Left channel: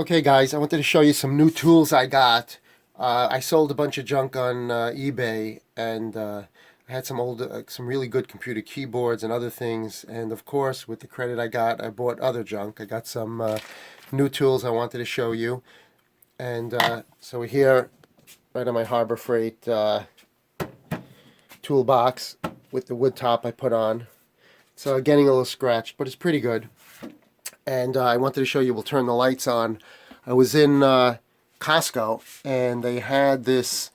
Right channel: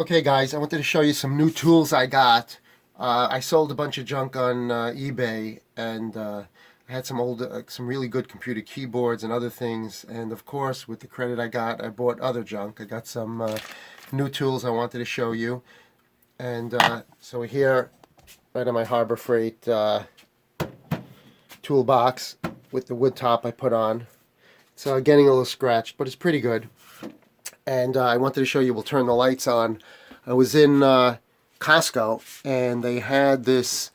Okay guys, I wanted to show you some new tools I got. I sold a bunch of junk on eBay, and I had some old, some really good computer keyboards and other things. And of course, with the credit I got, I bought other junk. I got some new tools I wanted to show you. And so here, right on my Harbor Freight toolbox with the wood top I put on. It's getting a little scratched, but it's pretty good. And I wanted to show you, we'll turn the lights on. I was in Costco, and they had this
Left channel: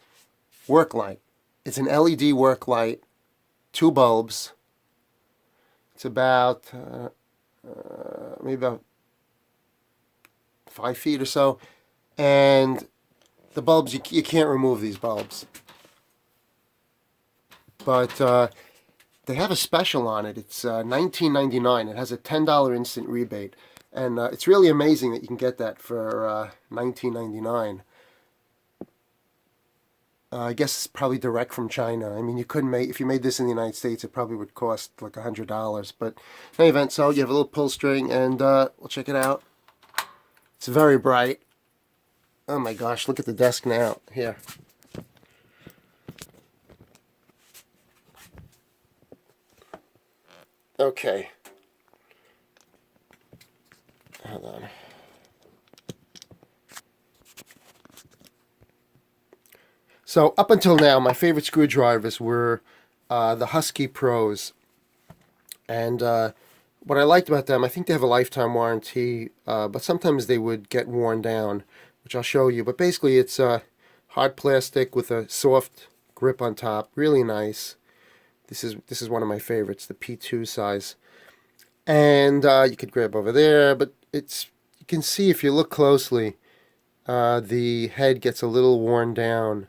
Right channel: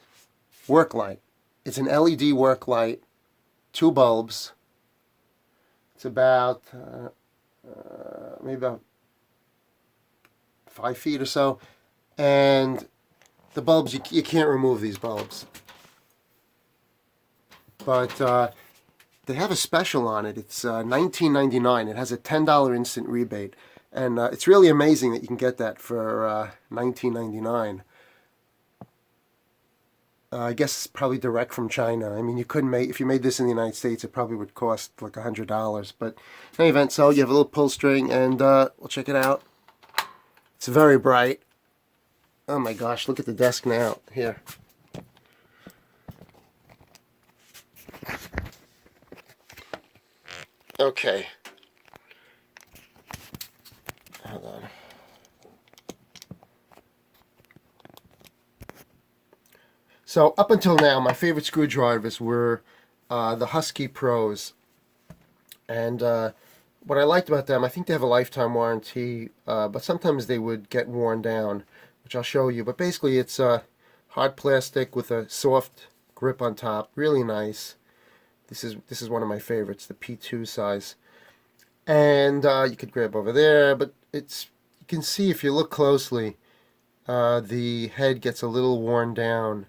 work light. It's an LED work light, 2 bulbs. It's about maybe about 5 feet or so. And the bulbs, you can't remove these bulbs. But they have a special on it. It's $19.99. It has a $10 instant rebate. And it's really amazing that you can get that for $19.99. I guess it's probably direct from China. I mean, you couldn't make, if you made this in the United States, it probably would cost like $100. But in any event, so you have a little pull string, and we'll check it out. It's very bright. Oh my gosh, look at the desk now. Here. Okay. Hold on. So up until now, my favorite screwdrivers were the Husky Pros. And what I liked about them, I think they have a lifetime warranty, but sometimes they would get worn down, which I'll show you. But basically, it's hard plastic with a soft grip on top. Really nice. This is one of my favorites, the P2 size. And you could grab over there, but you can see if you look closely, the head gets a little worn down.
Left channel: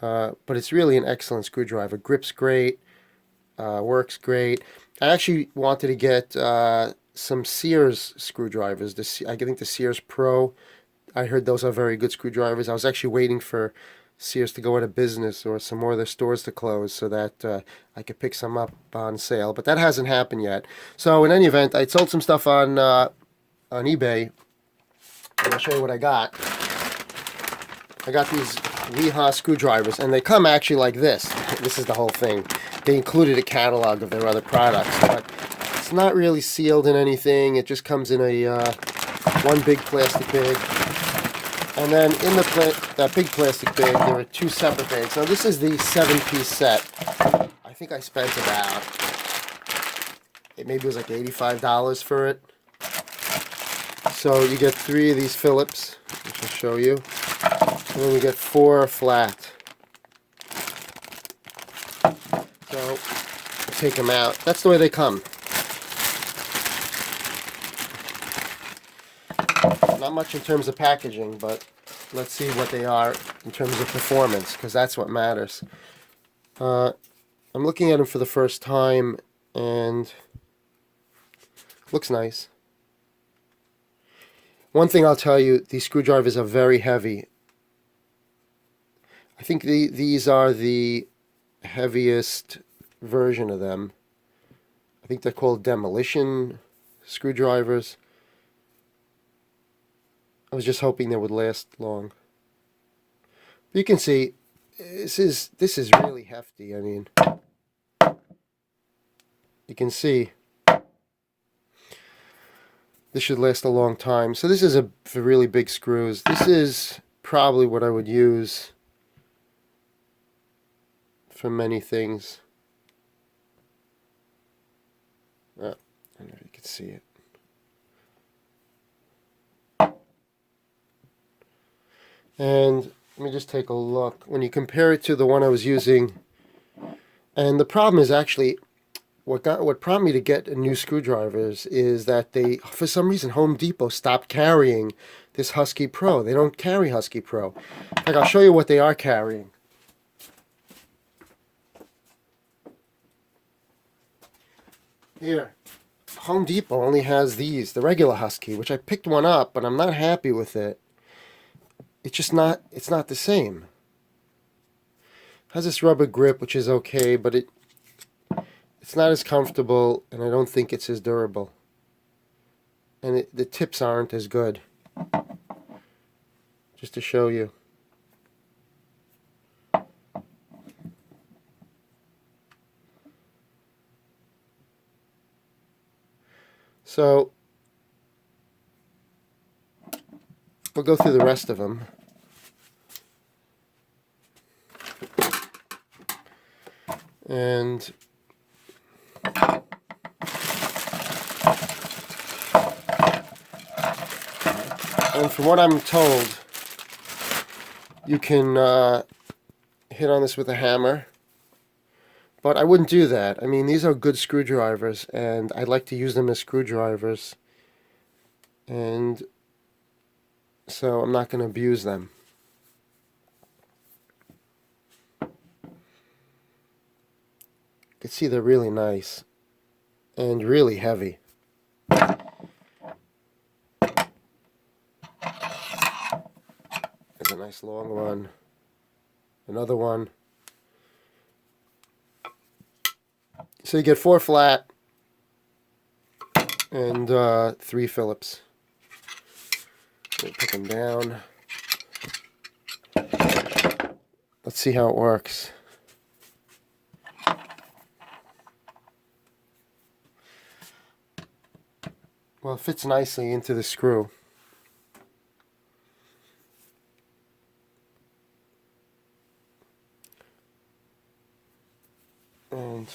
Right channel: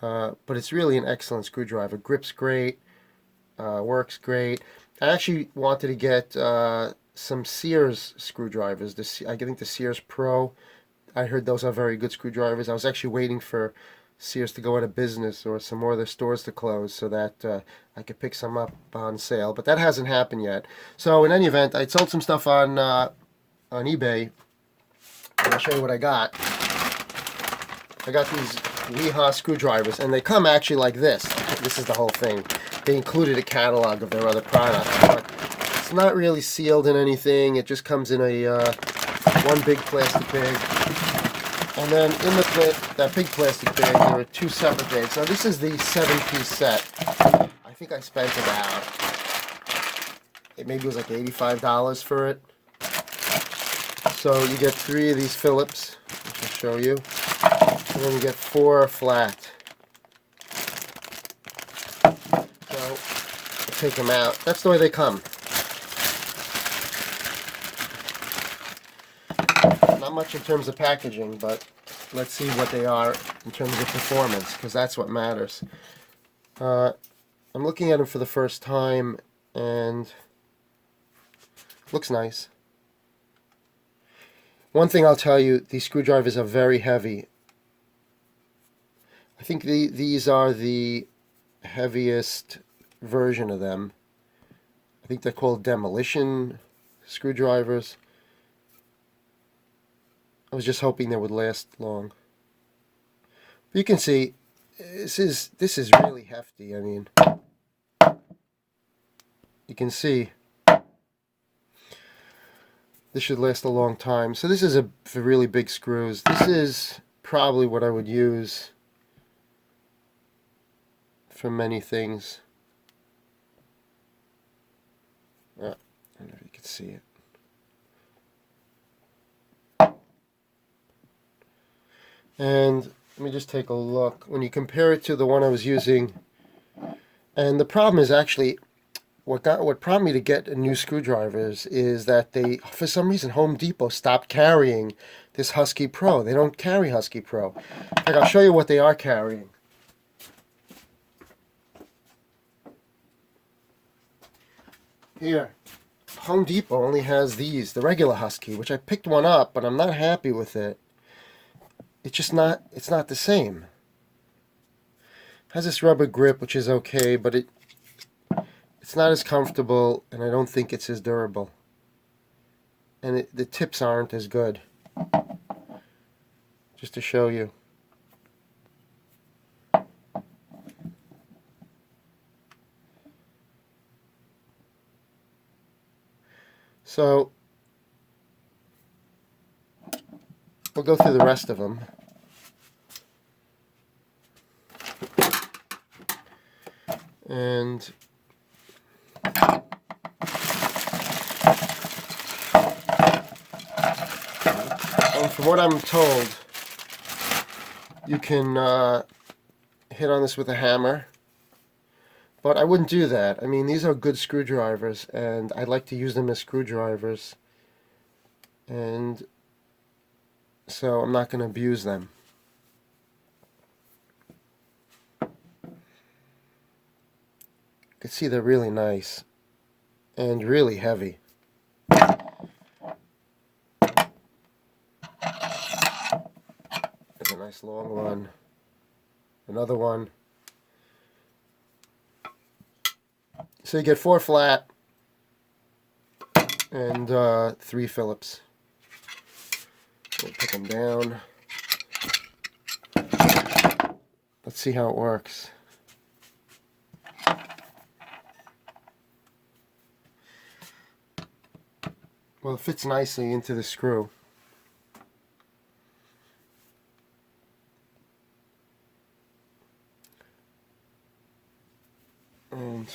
But it's really an excellent screwdriver. Grips great, works great. I actually wanted to get some Sears screwdrivers. I think the Sears Pro. I heard those are very good screwdrivers. I was actually waiting for Sears to go out of business or some more of their stores to close so that I could pick some up on sale. But that hasn't happened yet. So in any event, I sold some stuff on eBay, and I'll show you what I got. I got these Wiha screwdrivers, and they come actually like this. This is the whole thing. They included a catalog of their other products, but it's not really sealed in anything. It just comes in a one big plastic bag. And then in that big plastic bag, there are 2 separate bags. So this is the 7-piece set. I think I spent about, maybe it was like $85 for it. So you get 3 of these Phillips, which I'll show you. And then you get 4 flat. So I'll take them out. That's the way they come. Not much in terms of packaging, but let's see what they are in terms of performance, because that's what matters. I'm looking at them for the first time, and looks nice. One thing I'll tell you, these screwdrivers are very heavy. I think these are the heaviest version of them. I think they're called Demolition screwdrivers. I was just hoping they would last long. You can see this is really hefty. I mean, you can see this should last a long time. So this is for really big screws. This is probably what I would use for many things. I don't know if you can see it. And let me just take a look. When you compare it to the one I was using, and the problem is actually, what prompted me to get a new screwdrivers is that they, for some reason, Home Depot stopped carrying this Husky Pro. They don't carry Husky Pro. Like, I'll show you what they are carrying. Here, Home Depot only has these, the regular Husky, which I picked one up, but I'm not happy with it. It's not the same. It has this rubber grip, which is okay, but it's not as comfortable, and I don't think it's as durable. and the tips aren't as good. Just to show you. So we'll go through the rest of them. And from what I'm told, you can hit on this with a hammer, but I wouldn't do that. I mean, these are good screwdrivers, and I'd like to use them as screwdrivers, and so I'm not going to abuse them. You can see they're really nice and really heavy. There's a nice long one. Another one. So you get 4 flat and 3 Phillips. We'll put them down. Let's see how it works. Well, it fits nicely into the screw. And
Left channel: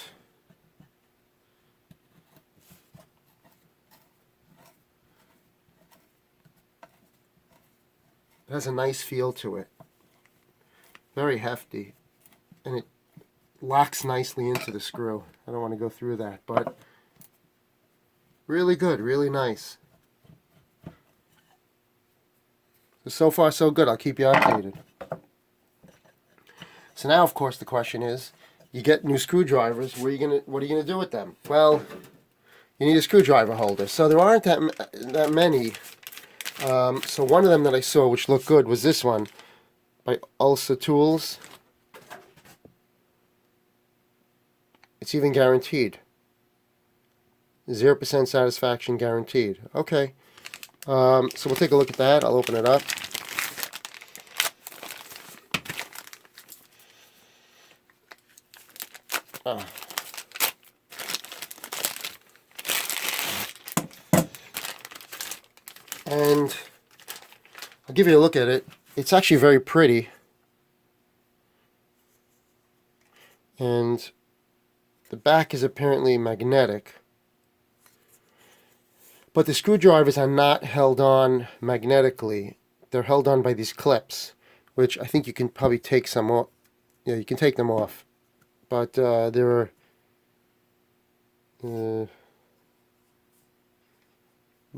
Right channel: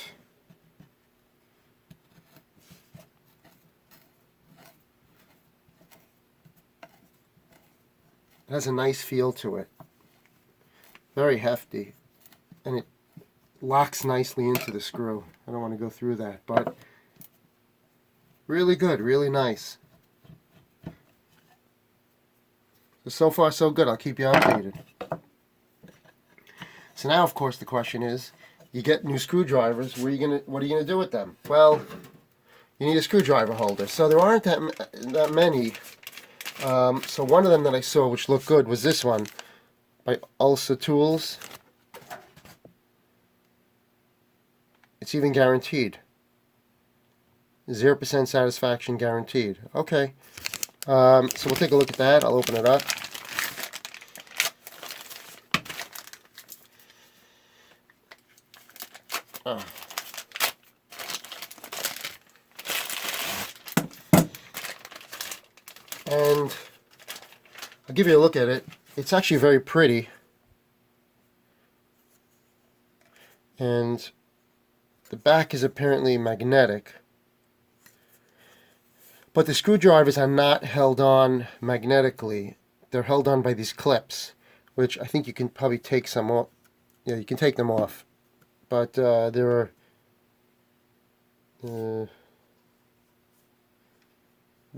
it has a nice feel to it. Very hefty. And it locks nicely into the screw. I don't want to go through that, but really good, really nice. So far so good. I'll keep you updated. So now, of course, the question is, you get new screwdrivers, what are you gonna do with them? Well, you need a screwdriver holder. So there aren't that many. So one of them that I saw which looked good was this one by Olsa Tools. It's even guaranteed. 0% satisfaction guaranteed. Okay. So we'll take a look at that. I'll open it up. Oh. And I'll give you a look at it. It's actually very pretty. And the back is apparently magnetic. But the screwdrivers are not held on magnetically. They're held on by these clips, which I think you can probably take some off. Yeah, you can take them off. But there are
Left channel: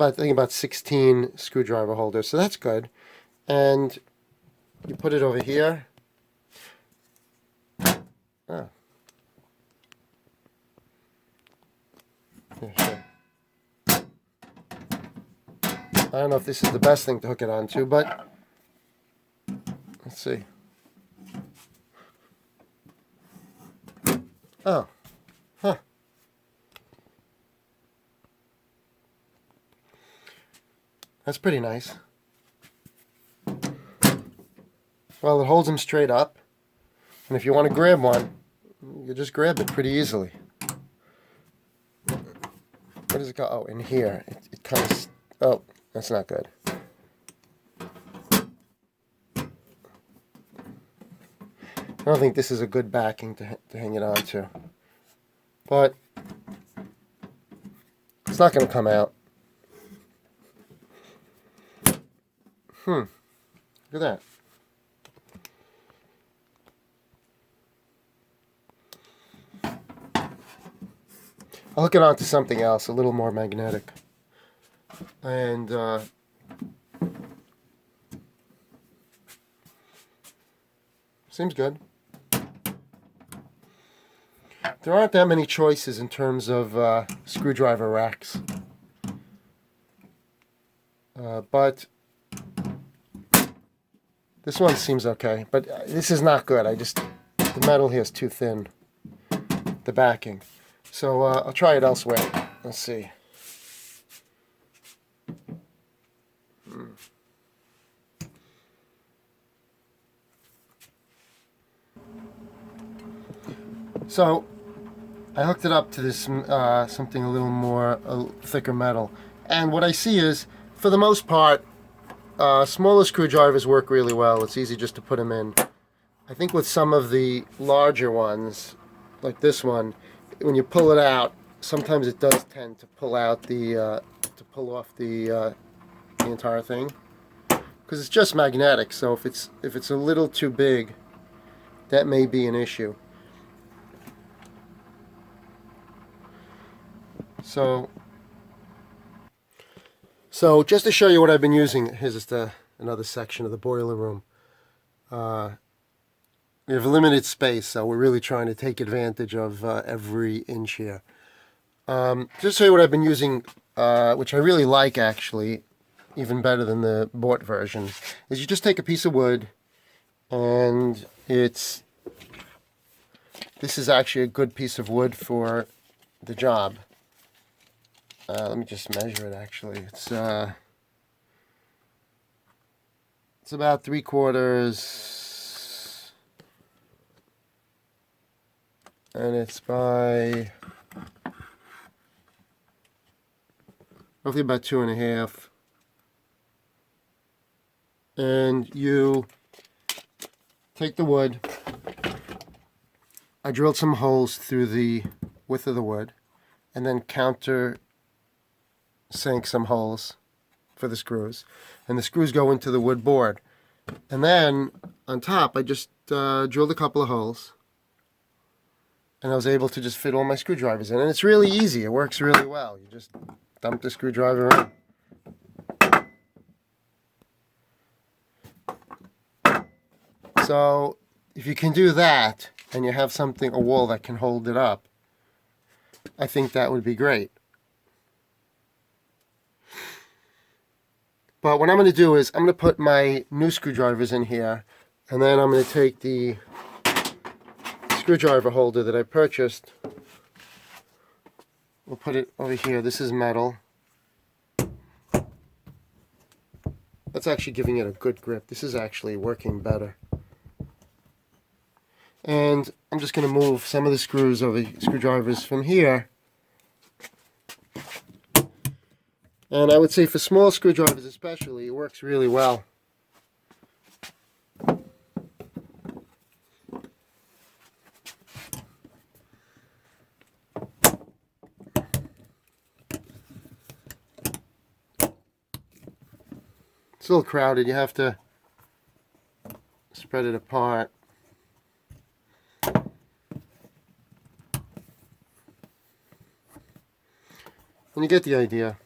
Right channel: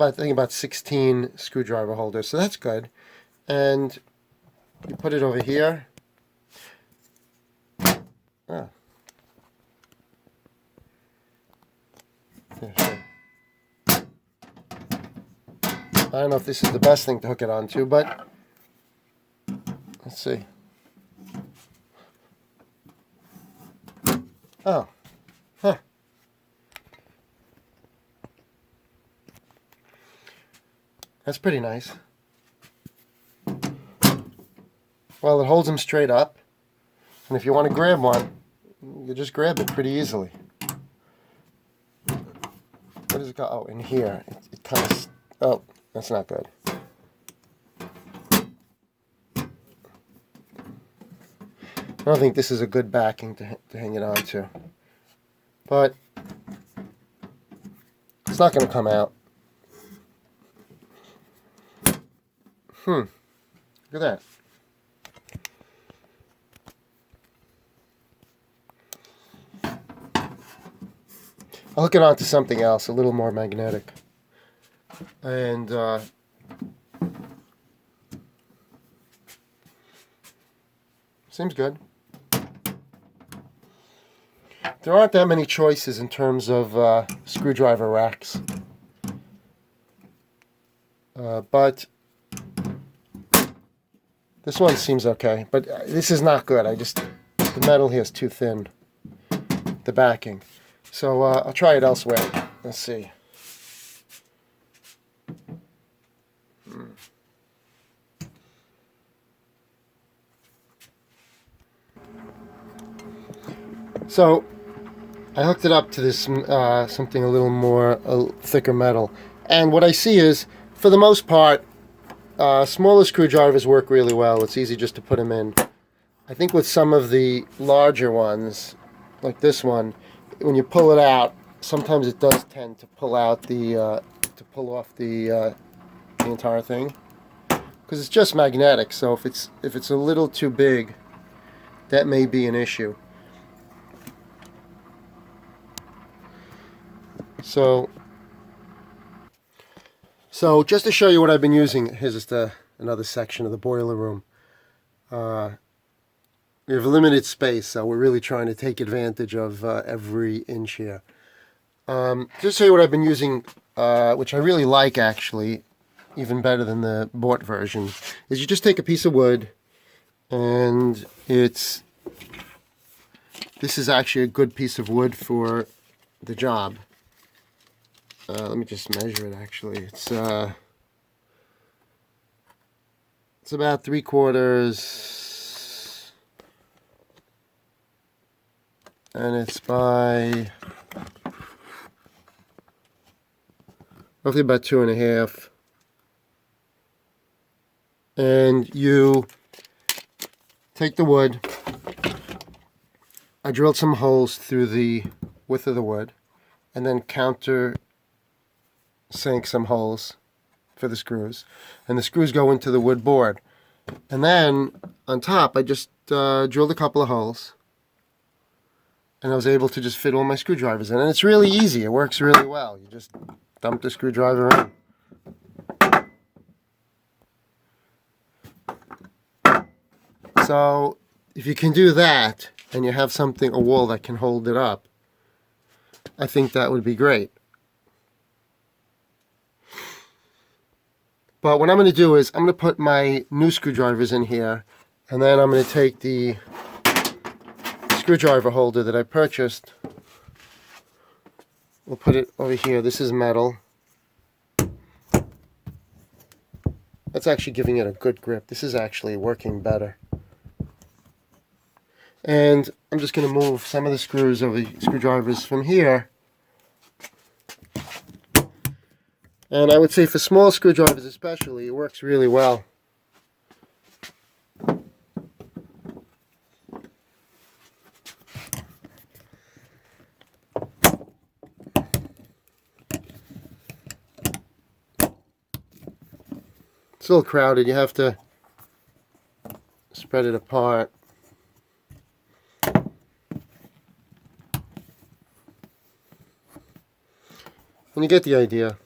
I think about 16 screwdriver holders, so that's good. And you put it over here. Ah. Yeah, sure. I don't know if this is the best thing to hook it onto, but let's see. Oh, huh. That's pretty nice. Well, it holds them straight up, and if you want to grab one, you just grab it pretty easily. Where does it go? Oh, in here. It kind of... Oh, that's not good. I don't think this is a good backing to hang it onto. But it's not going to come out. Look at that. I'll hook it onto something else, a little more magnetic. And seems good. There aren't that many choices in terms of screwdriver racks. But this one seems okay. But this is not good. The metal here is too thin. The backing. So I'll try it elsewhere. Let's see. So I hooked it up to this something a little more thicker metal, and what I see is, for the most part, smaller screwdrivers work really well. It's easy just to put them in. I think with some of the larger ones, like this one, when you pull it out, sometimes it does tend to pull out the to pull off the entire thing, because it's just magnetic. So if it's a little too big, that may be an issue. So just to show you what I've been using, here's just another section of the boiler room. We have limited space, so we're really trying to take advantage of every inch here. Just to show you what I've been using, which I really like actually, even better than the bought version, is you just take a piece of wood, and this is actually a good piece of wood for the job. Let me just measure it actually. It's about 3/4, and it's by roughly about 2.5. And you take the wood. I drilled some holes through the width of the wood, and then counter sink some holes for the screws, and the screws go into the wood board. And then on top I just drilled a couple of holes, and I was able to just fit all my screwdrivers in, and it's really easy. It works really well. You just dump the screwdriver in. So if you can do that, and you have a wall that can hold it up, I think that would be great. But what I'm going to do is I'm going to put my new screwdrivers in here, and then I'm going to take the screwdriver holder that I purchased. We'll put it over here. This is metal. That's actually giving it a good grip. This is actually working better. And I'm just going to move some of the screwdrivers from here. And I would say for small screwdrivers especially, it works really well. It's a little crowded. You have to spread it apart. And you get the idea.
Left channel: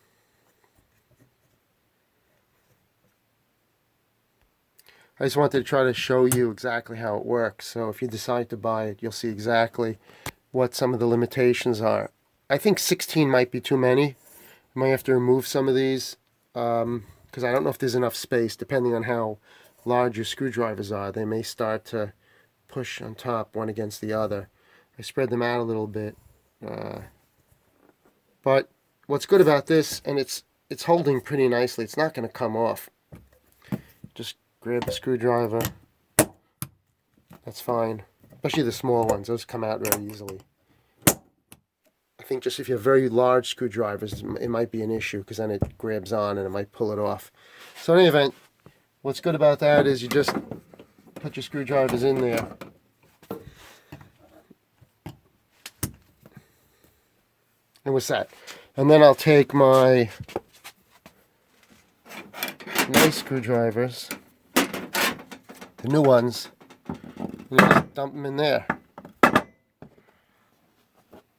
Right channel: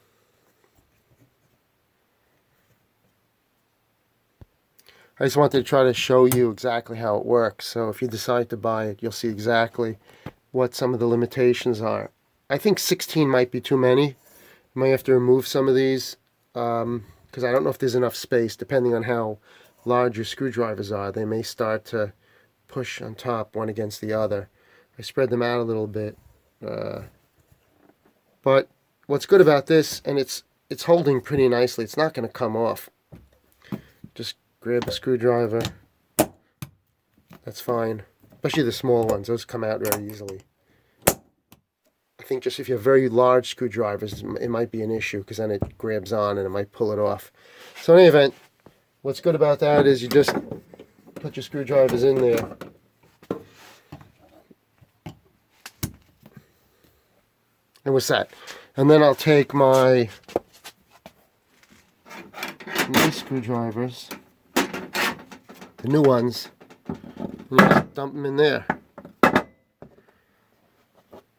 I just wanted to try to show you exactly how it works. So if you decide to buy it, you'll see exactly what some of the limitations are. I think 16 might be too many. I might have to remove some of these because I don't know if there's enough space. Depending on how large your screwdrivers are, they may start to push on top one against the other. I spread them out a little bit. But what's good about this, and it's holding pretty nicely. It's not going to come off. Just grab a screwdriver. That's fine. Especially the small ones. Those come out very easily. I think just if you have very large screwdrivers, it might be an issue because then it grabs on and it might pull it off. So in any event, what's good about that is you just put your screwdrivers in there. And what's that? And then I'll take my nice screwdrivers, the new ones, and just dump them in there.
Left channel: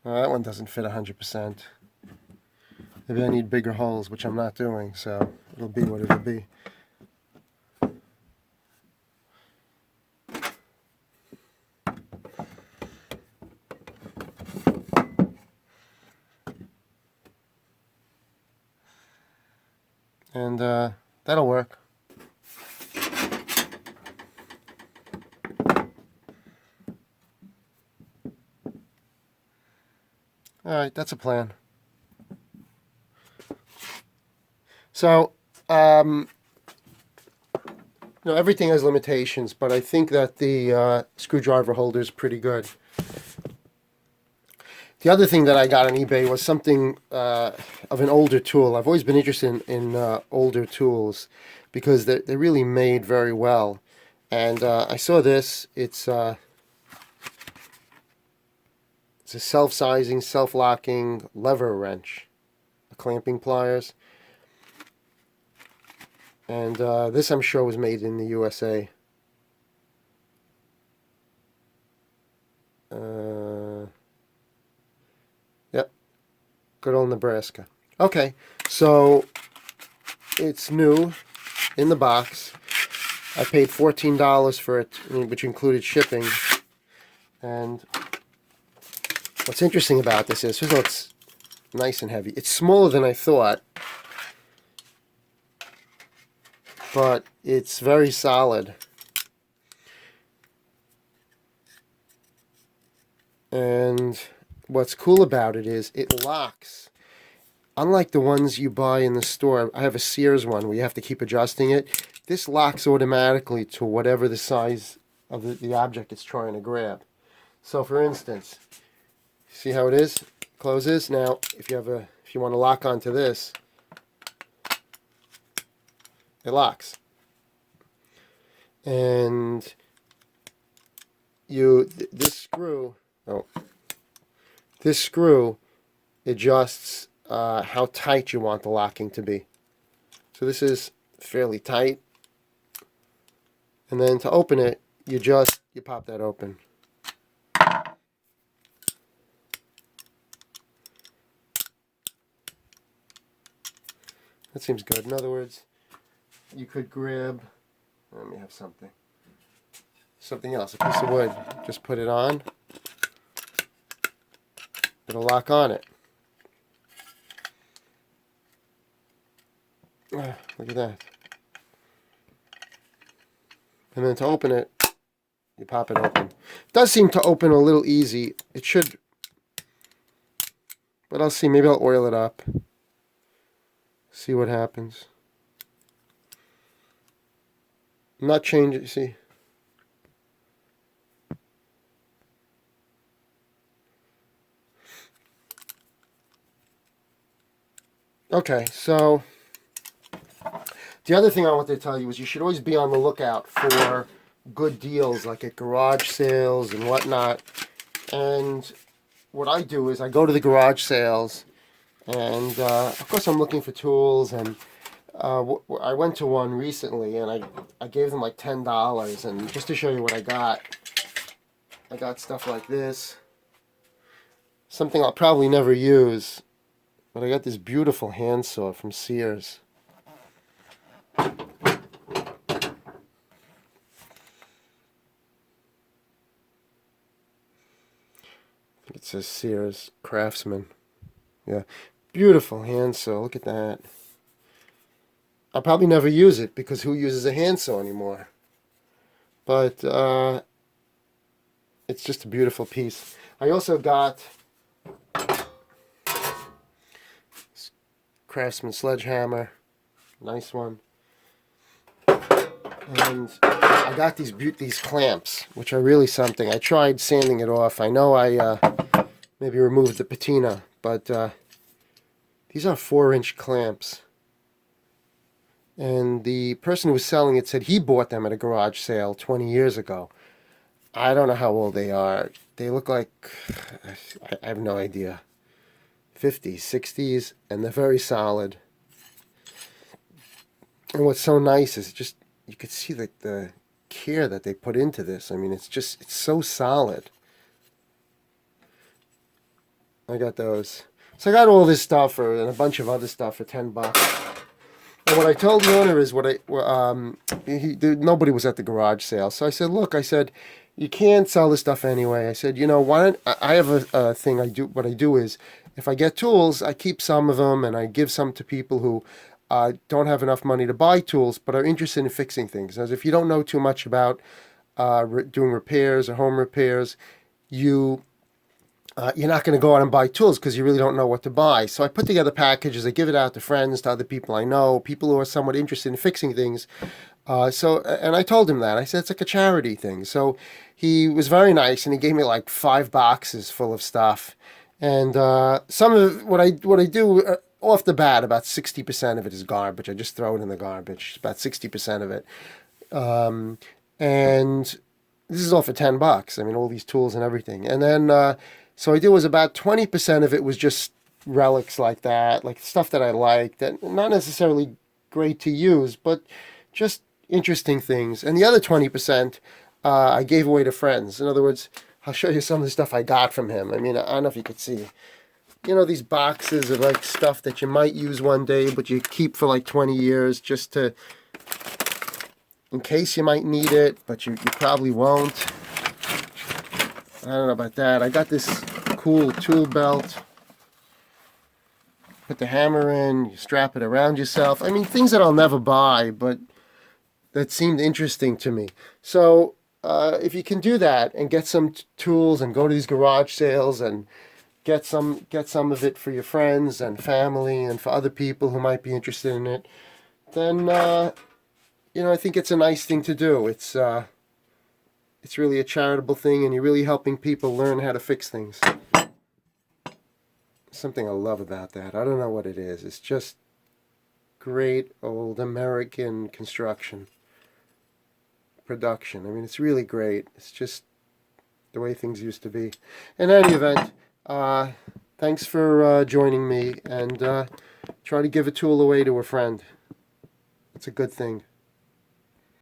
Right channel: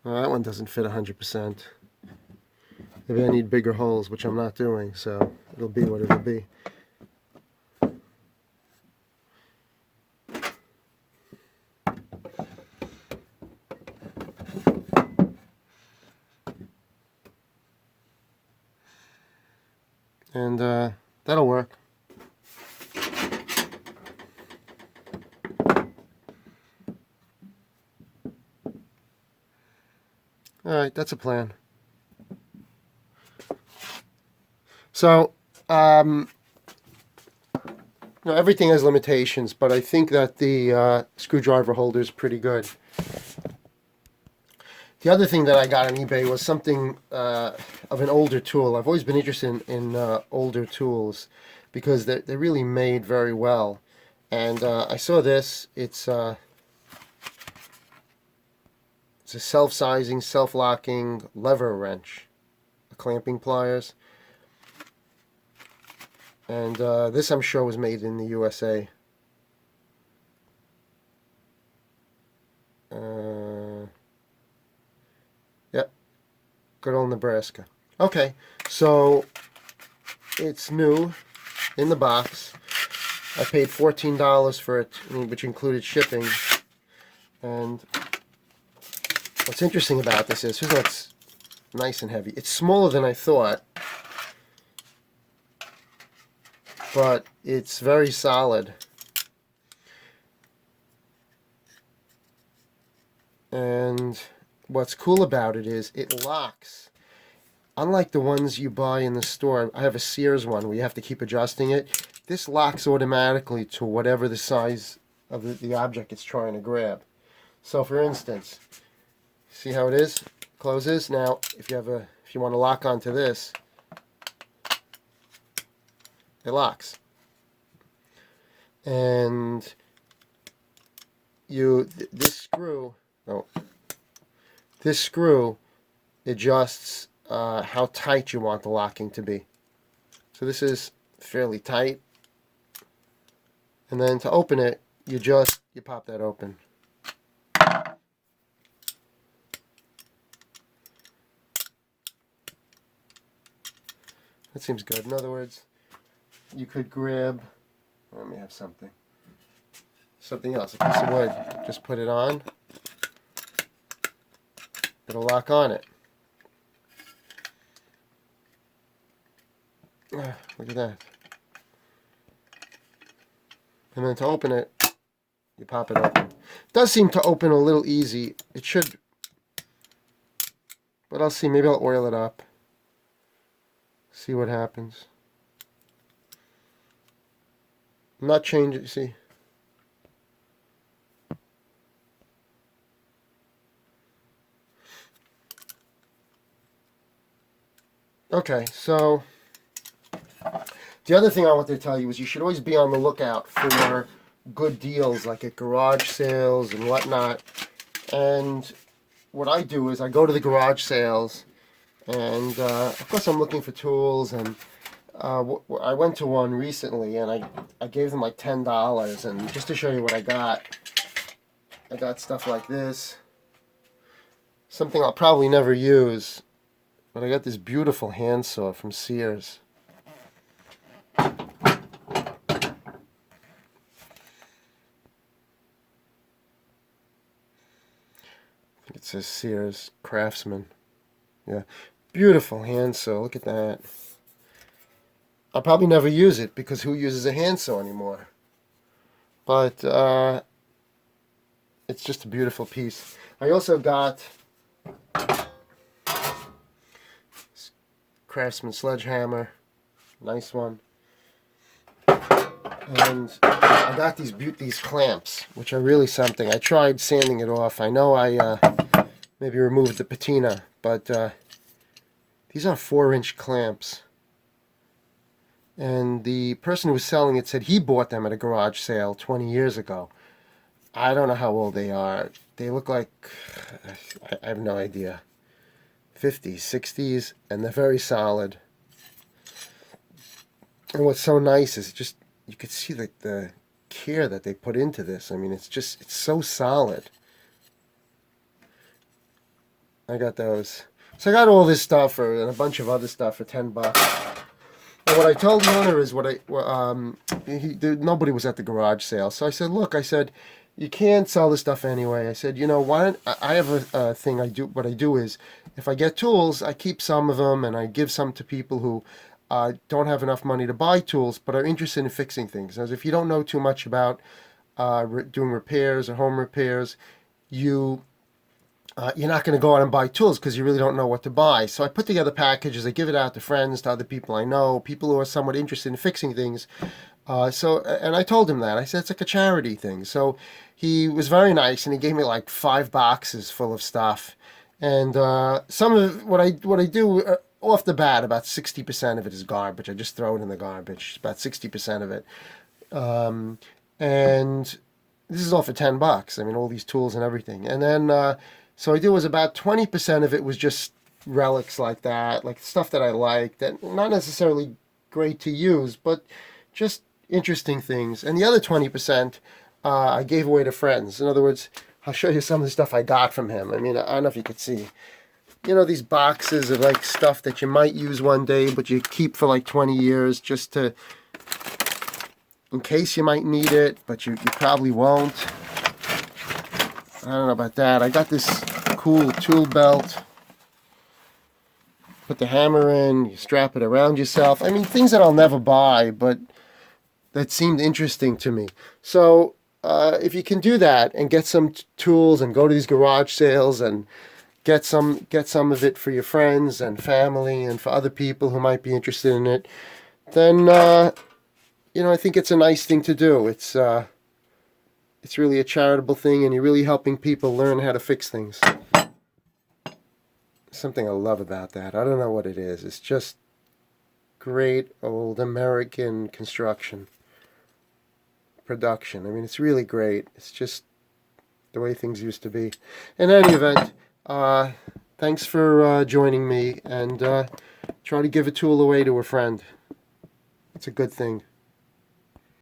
Well, that one doesn't fit 100%. Maybe I need bigger holes, which I'm not doing, so it'll be what it'll be. And that'll work. Alright, that's a plan. So, everything has limitations, but I think that the screwdriver holder is pretty good. The other thing that I got on eBay was something of an older tool. I've always been interested in older tools because they're really made very well. And I saw this. It's a self-sizing, self-locking lever wrench, a clamping pliers. And this, I'm sure, was made in the USA. Yep, good old Nebraska. Okay, so it's new in the box. I paid $14 for it, which included shipping. And what's interesting about this is, it's nice and heavy. It's smaller than I thought, but it's very solid. And what's cool about it is it locks. Unlike the ones you buy in the store, I have a Sears one where you have to keep adjusting it. This locks automatically to whatever the size of the object it's trying to grab. So for instance, see how it is? Closes. Now, if you want to lock onto this, it locks. And this screw adjusts how tight you want the locking to be. So this is fairly tight. And then to open it, you pop that open. That seems good. In other words, you could grab, let me have something else, a piece of wood. Just put it on. It'll lock on it. Look at that. And then to open it, you pop it open. It does seem to open a little easy. It should, but I'll see. Maybe I'll oil it up. See what happens. I'm not changing, you see. Okay, so the other thing I wanted to tell you is you should always be on the lookout for good deals, like at garage sales and whatnot. And what I do is I go to the garage sales, and of course I'm looking for tools. And I went to one recently, and I gave them like $10. And just to show you what I got stuff like this, something I'll probably never use. But I got this beautiful handsaw from Sears. It says Sears Craftsman. Yeah, beautiful handsaw. Look at that. I'll probably never use it because who uses a handsaw anymore? But it's just a beautiful piece. I also got Craftsman sledgehammer, nice one, and I got these clamps, which are really something. I tried sanding it off. I know I maybe removed the patina, but these are 4-inch clamps. And the person who was selling it said he bought them at a garage sale 20 years ago. I don't know how old they are. They look like, I have no idea. 50s, 60s, and they're very solid. And what's so nice is just, you could see the care that they put into this. I mean, it's so solid. I got those. So I got all this stuff and a bunch of other stuff for $10. And what I told the owner is nobody was at the garage sale. So I said, look, you can't sell this stuff anyway. I said, why don't I have a thing I do. What I do is, if I get tools, I keep some of them and I give some to people who don't have enough money to buy tools but are interested in fixing things. As if you don't know too much about doing repairs or home repairs, you're not going to go out and buy tools because you really don't know what to buy. So I put together packages. I give it out to friends, to other people I know, people who are somewhat interested in fixing things. And I told him that. I said, it's like a charity thing. So he was very nice, and he gave me like 5 boxes full of stuff. And some of what I do off the bat, about 60% of it is garbage. I just throw it in the garbage. About 60% of it. Um, and this is all for $10. I mean, all these tools and everything. And then so I do was about 20% of it was just relics like that, like stuff that I like that not necessarily great to use, but just interesting things. And the other 20% I gave away to friends. In other words, I'll show you some of the stuff I got from him. I mean, I don't know if you could see. You know, these boxes of like stuff that you might use one day, but you keep for like 20 years just to, in case you might need it, but you probably won't. I don't know about that. I got this cool tool belt. Put the hammer in, you strap it around yourself. I mean, things that I'll never buy, but that seemed interesting to me. So if you can do that and get some tools and go to these garage sales and get some of it for your friends and family and for other people who might be interested in it, then I think it's a nice thing to do. It's really a charitable thing, and you're really helping people learn how to fix things. Something I love about that. I don't know what it is. It's just great old American construction production. I mean, it's really great. It's just the way things used to be. In any event, thanks for joining me, and try to give a tool away to a friend. It's a good thing.